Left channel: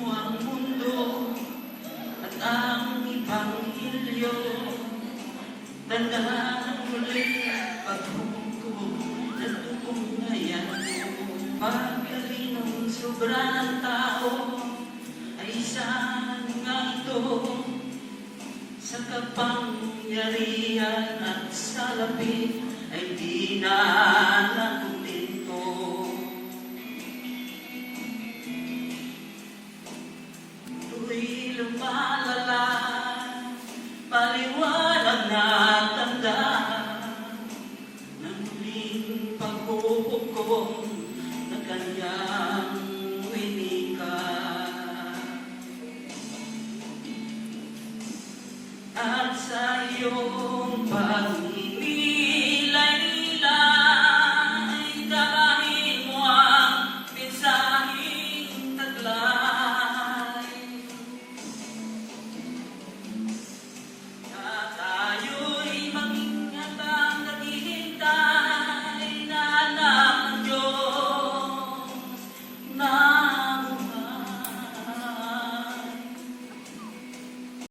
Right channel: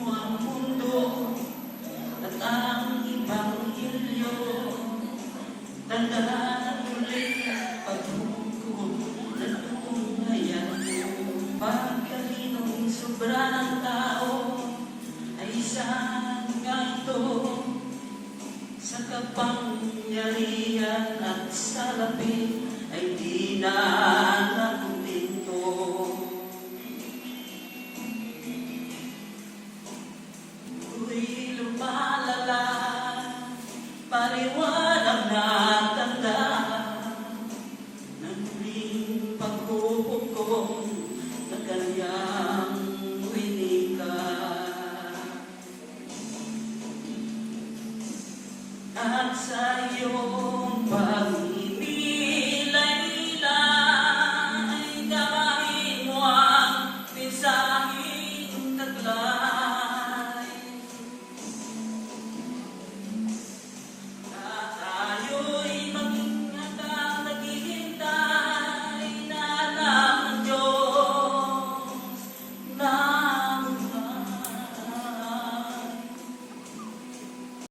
mo ang mundo at ang Ibanghilyo. Tandaan muli paghukom na tungayan mo. Pagkalinong sobra ng tao ay saan nga ito? Sa kapangyarihan at sa lapit ay di na